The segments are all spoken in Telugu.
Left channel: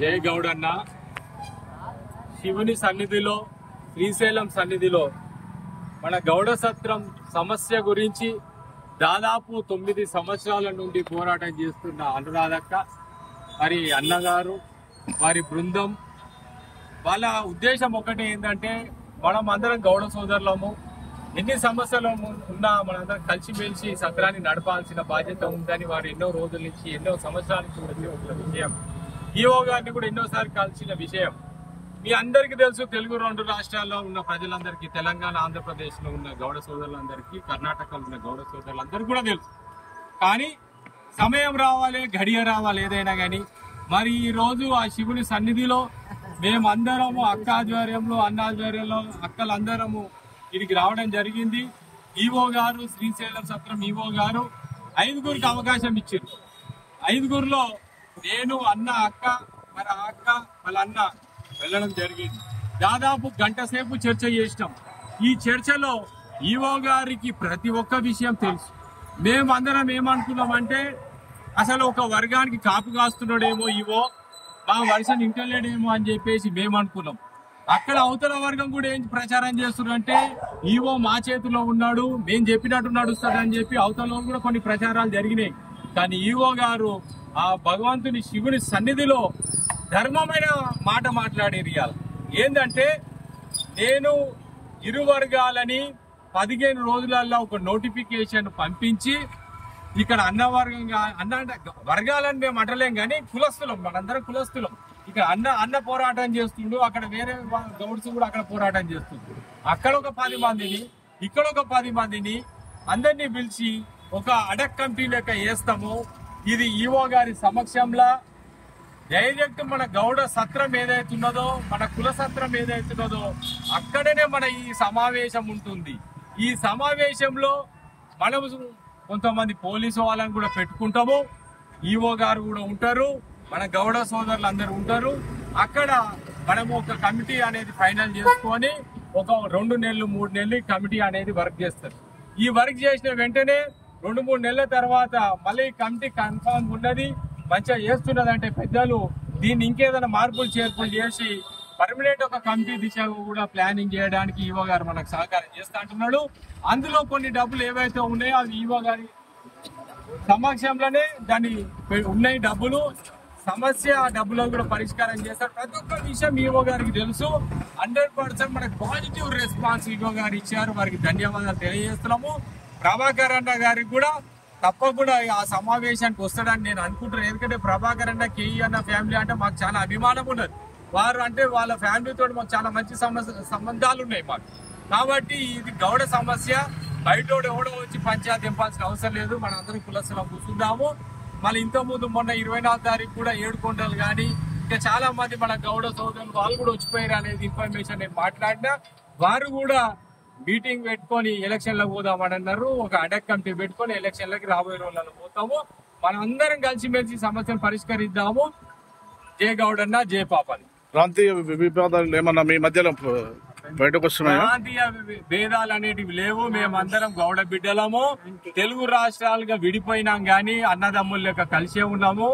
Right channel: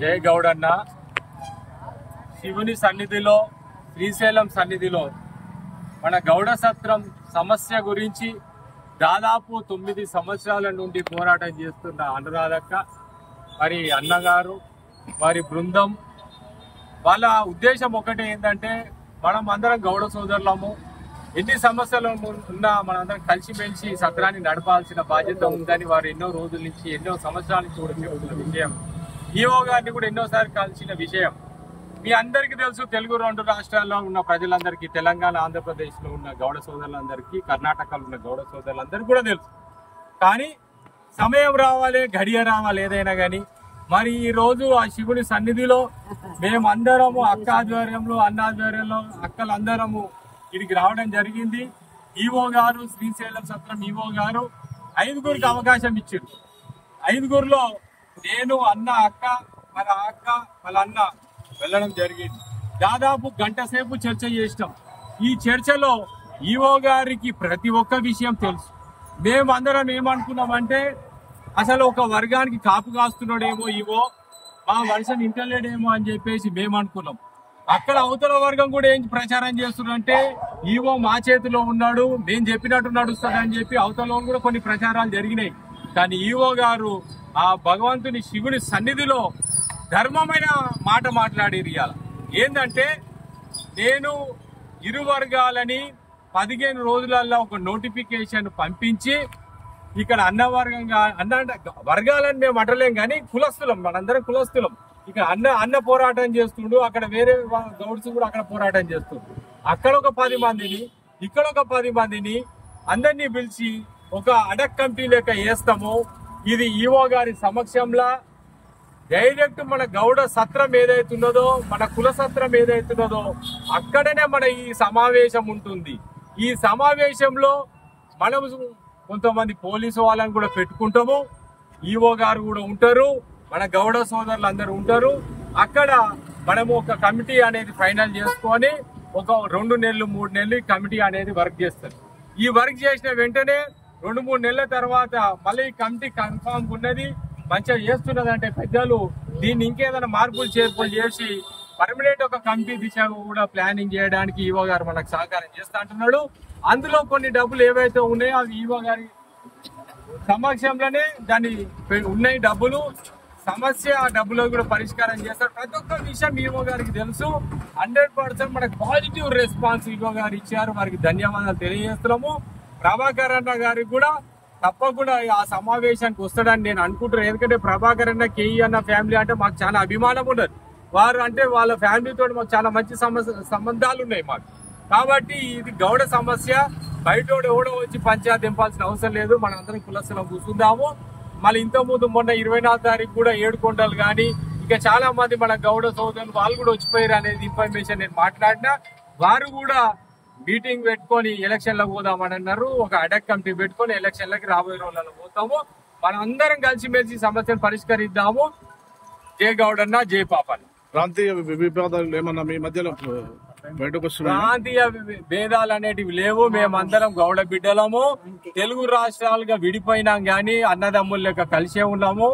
జై గౌడన్న శివుని సన్నిధిలో శ్రీశైలం సన్నిధిలో మన గౌడ సత్రం సమస్య గురించి దాదాపు 9 సంవత్సరాల నుండి పోరాటం చేస్తున్న అనురాధక్క మరి అన్నగారు వారి బృందం వాళ్ళ ఉద్దేశం ఒకటే ఏంటంటే మనం అందరం గౌడ సోదరులము, ఎన్ని సమస్యలు ఉన్నా మనందరం కలిసిమెలిసి సత్రాన్ని నడపాల్సిన బాధ్యత ఉందని వారు ఎన్నో రోజుల నుంచి ఎన్నో సంవత్సరాల నుంచి కూడా చెబుతున్న విషయం. ఈఓ గారిని కూడా ఎన్నోసార్లు కలిసిన విషయం మీ అందరికీ తెలుసు. తెలుగు 2 రాష్ట్రాల్లో ఉన్న ప్రజలందరికీ, తెలంగాణ ఆంధ్రప్రదేశ్లో ఉన్న గౌడ సోదరులందరికీ, కర్ణాటకలో ఉన్న గౌడ సోదరులందరికీ కూడా తెలుసు. కానీ సమయం రావాలి, గడియ రావాలి ఏదైనా కానీ. మరి ఈ రోజు ఆ శివుని సన్నిధిలో మేమందరము అక్క ఆధ్వర్యంలో, అన్న ఆధ్వర్యంలో అక్కలందరము ఇక్కడికి రావడం జరిగింది. ఈఓ గారు, శ్రీశైలం సత్రం ఈఓ గారు 5గురికి అవకాశం ఇచ్చారు. 5గురిలో నేను, అన్న, అక్క, మరి అక్క వాళ్ళ అన్న వెళ్ళడం జరిగింది. దాదాపు గంట సేపు చర్చ చేసినాం. ఈ చర్చలో ఈఓ గారికి ప్రతి ఒక్క విషయం తెలుసు. మేమందరం ఏమనుకున్నామంటే అసలు ఒక వర్గానికి కాపు కాస్తున్నాడేమో ఈఓ, మా వర్షం ఇంటలేడేమో అని చెప్పేసి మేము అనుకున్నాం. అక్కడ అవతల వర్గం కూడా ఏం ప్రచారం చేస్తున్నారంటే ఈవో మా చేతిలో ఉన్నాడు, మేము చెప్పినట్టు నడుస్తుంది అని చెప్పి అవతల కూడా కొన్ని ప్రచారాలు జరిగినాయి. కానీ ఈవో గారు ఆ భగవంతుని శివుని సన్నిధిలో ధర్మమైన మాట మాట్లాడేది. ఇవాళ ఏంటంటే నేను ఇరు వర్గాలని 15 రోజులలో ఒక నోటిఫికేషన్ పంపించి ఇక్కడ అన్న వర్గంగా, అన్న వర్గాలని మేము అంటలేం కానీ కులస్తులం, మనందరం కులస్తులం. ఇక అన్న పోరాటం చేస్తుండు, అక్కడ వేరే గౌడ్స్ కూడా అక్కడ పోరాటం చేస్తుండ్రు. అక్కడ ఒక 10 మందిని, ఇక్కడ ఒక 10 మందిని అందరినీ పిలిచి ఒక అడక్ కమిటీ లెక్క వేస్తాము. ఇది ఈవో గారి సమక్షంలో డైరెక్ట్ మన గౌడ సత్రం ఏదైతున్నదో, మన కుల సత్రం ఏదైతున్నదో అక్కడనే మన ఈ సమావేశం ఉంటుంది. ఈ సమావేశంలో మనం కొంతమంది పోలీసు వాళ్ళని కూడా పెట్టుకుంటాము, ఈవో గారు కూడా ఉంటారు, మన గౌడ సోదరులు అందరూ ఉంటారు. అక్కడ మనము ఒక కమిటీ అనేది ఫైనల్ చేసుకొని ఒక 2 నెలలు 3 నెలలు కమిటీ అనేది వర్క్ చేస్తారు. ఈ వర్క్ చేసిన వెంటనే 2-3 నెలల తర్వాత మళ్ళీ ఈ కమిటీ కన్ఫామ్ ఉన్నది, మంచిగా చేస్తున్నది అంటే పెద్దలు దీన్ని ఇంకేదైనా మార్పులు చేర్పులు చేసి పర్మనెంట్ ఒక కమిటీ దిశగా కూడా ప్లానింగ్ చేయడానికి ఈవో గారు మనకు సహకారం చేస్తా అంటున్నాడు. అందులో కొన్ని డబ్బులు ఏవైతే ఉన్నాయో అవి ఈవో గారి సమక్షంలోనే దాన్ని ఉన్నాయి డబ్బులు. సమస్య ఆ డబ్బులకు కూడా పరిష్కారం చేస్తారు. ప్రతి ఒక్క విషయం ఈవో గారికి తెలుసు. 100% మనకు పాజిటివ్ రెస్పాన్స్ ఈవో గారు ఇచ్చారు. వారికి ధన్యవాదాలు తెలియజేస్తున్నాము. ప్రభాకర్ అన్న గారికి కూడా తప్పకుండా ఆ సమావేశానికి వస్తాడని నేను అనుకుంటున్నాను. ఎందుకంటే ప్రభాకర్ అన్న, కేఈ అన్న ఫ్యామిలీ అంటే మాకు చాలా అభిమానం ఉన్నది. వారు అంటే వాళ్ళ ఫ్యామిలీతో మాకు చాలా మంచి సంబంధాలు ఉన్నాయి మాకు. కాబట్టి ఇది గౌడ సమస్య, బయట ఎవడో వచ్చి పంచాయతీ దింపాల్సిన అవసరం లేదు. మనం అందరం కులస్తులం కూర్చుందాము. మళ్ళీ ఇంతకుముందు మొన్న 24వ తారీఖు కూడా ఏడుకొండలు కానీ ఇంకా చాలా మంది మన గౌడ సోదరులు వాళ్ళు కూడా వచ్చిపోయారు అనేది ఇన్ఫర్మేషన్ నేను మాట్లాడినా. వారు కూడా మీటింగ్ పెట్టుకొని ఎలక్షన్లకు పోదామని అన్నారు. ఒక అడక్ కమిటీ పెట్టుకొని ఎలక్షన్లకి రాబోయే రోజులలో పోతాము. మనం అందరం కలిసిమెలిసి సమస్యను పరిష్కరిద్దాము. జై గౌడన్న, జై పాపన్న. ప్రాంతీయ విభేదాలు ఏమన్నా మీ మధ్యలో బయటకు వస్తున్నాయి? ప్రాంతీయ భేదాలు అనేటివి లేవు. మేమందరం గౌడ బిడ్డలము. తెలుగు రాష్ట్రాలుగా విడిపోయినాం గానీ అన్నదమ్ముల లెక్క కలిసే ఉన్నాము.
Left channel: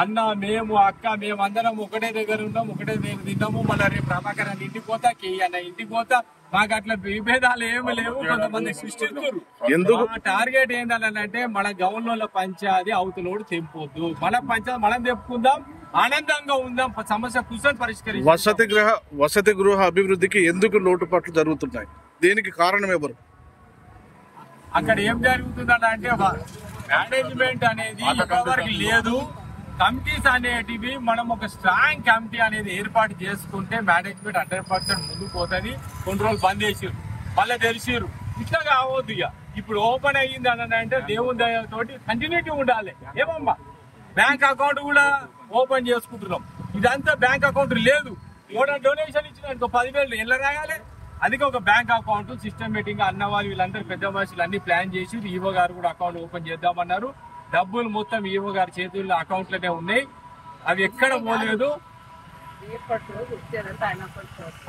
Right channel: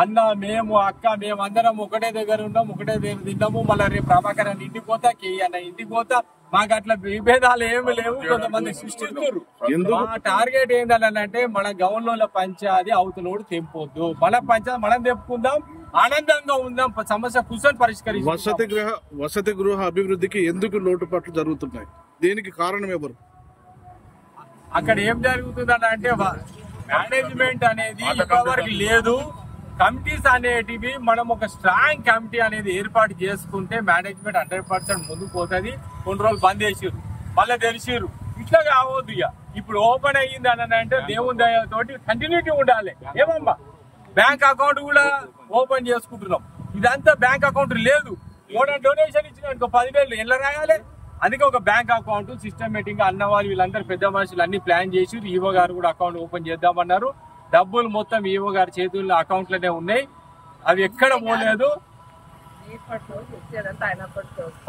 అన్న, మేము, అక్క, మేమందరం ఒకటే దగ్గర ఉన్నాం, ఒకటే దగ్గర తిన్నాము. మళ్ళీ రేపు ప్రభాకర్ అన్న ఇంటికి పోతా, కేఈ అన్న ఇంటికి పోతా. మాకు అట్లా విభేదాలు ఏమి లేవు. కొంతమంది సృష్టిస్తారు. టార్గెట్ ఏంటంటే మన గౌన్ల పంచాయతీ అవతలోడు తెంపొద్దు, మన పంచాయతీ మనం తెంపుకుందాం, ఆనందంగా ఉందాం, సమస్య కూర్చొని పరిష్కరిస్తాం. వసతి గృహ అభివృద్ధికి ఎందుకు లోటుపాట్లు జరుగుతున్నాయి? దీనికి కారణం ఎవరు? అక్కడ ఏం జరుగుతుందంటే మేనేజ్మెంట్ అనేది ఇంతవరకు లేదు. కమిటీస్ అనేటివి మనం ఒక స్ట్రాంగ్ కమిటీ అనేది ఏర్పాటు చేసుకుంటే మేనేజ్మెంట్ 100% ముందుకు పోతుంది. కొన్ని రోజులు బంద్ చేసిరు, మళ్ళీ తెరిచిరు. ఇట్లా కావద్దు. ఇక ఇప్పుడు ఓపెన్ అయ్యింది అని అంటే దేవుని దయతోటి కంటిన్యూటీ ఉండాలి. ఏమమ్మా, బ్యాంక్ అకౌంట్ కూడా ఓపెన్ చేసుకుంటున్నాం. ఇదంతా బ్యాంక్ అకౌంట్ లేదు. ఎవరైనా డొనేషన్ ఇచ్చిన 10,000 ఎలా రాయాలి? అందుకే ఒక బ్యాంక్ అకౌంట్ సిస్టమేటిక్ గా అన్న వాళ్ళు వీళ్ళందరూ పెద్ద మనుషులు అన్ని ప్లాన్ చేసి ఈవో గారు కూడా అకౌంట్ ఓపెన్ చేద్దామన్నారు. డబ్బులు మొత్తం ఈవో గారి చేతుల్లో అకౌంట్లోనే ఉన్నాయి, అవి ఎక్కడ పోలేదు.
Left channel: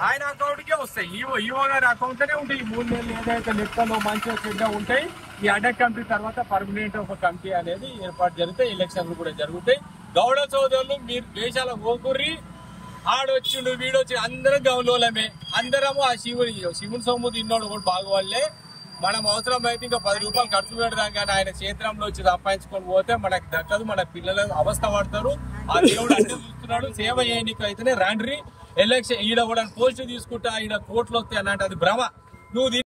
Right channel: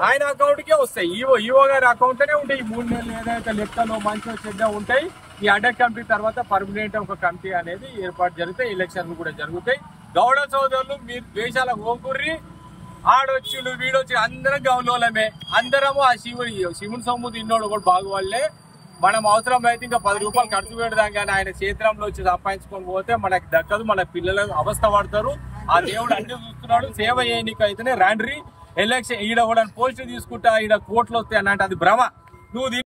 ఆయన అకౌంట్ కే వస్తాయి. ఈవో గారి అకౌంట్ లోనే ఉంటాయి. 3 నెలలు ఏదైతే లెక్కలో మంచిగా చెడ్డ ఉంటాయి. ఈ అడక్ కమిటీ తర్వాత పర్మనెంట్ ఒక కమిటీ అనేది ఏర్పాటు జరుగుతాయి. ఎలక్షన్లు కూడా జరుగుతాయి. గౌడ సోదరులు మీరు దేశాలకు పోకుర్రి, ఆడొచ్చిండు వీడొచ్చి అందరం గౌలోలమే, అందరము ఆ శివుని సొమ్ము తిన్నోడు కూడా బాగువాళ్లే. మనం అవసరం అయితే ఇంకా 10 రూపాయలు ఖర్చు పెడదాం, కానీ ఆయన క్షేత్రంలో వచ్చి సంపాదించుకొని పోతే మనకి దక్కదు, మన పిల్లలు అవస్థ పడతారు. ఆ దేవుడు అన్ని చూస్తున్నాడు. సేవ చేయనికైతేనే రండ్రి. ఎలక్షన్ ఈడ కూడా పోస్ట్ తీసుకుంటా, ఈడ కోట్లు వస్తాయి అన్నట్టు అది భ్రమ. నువ్వు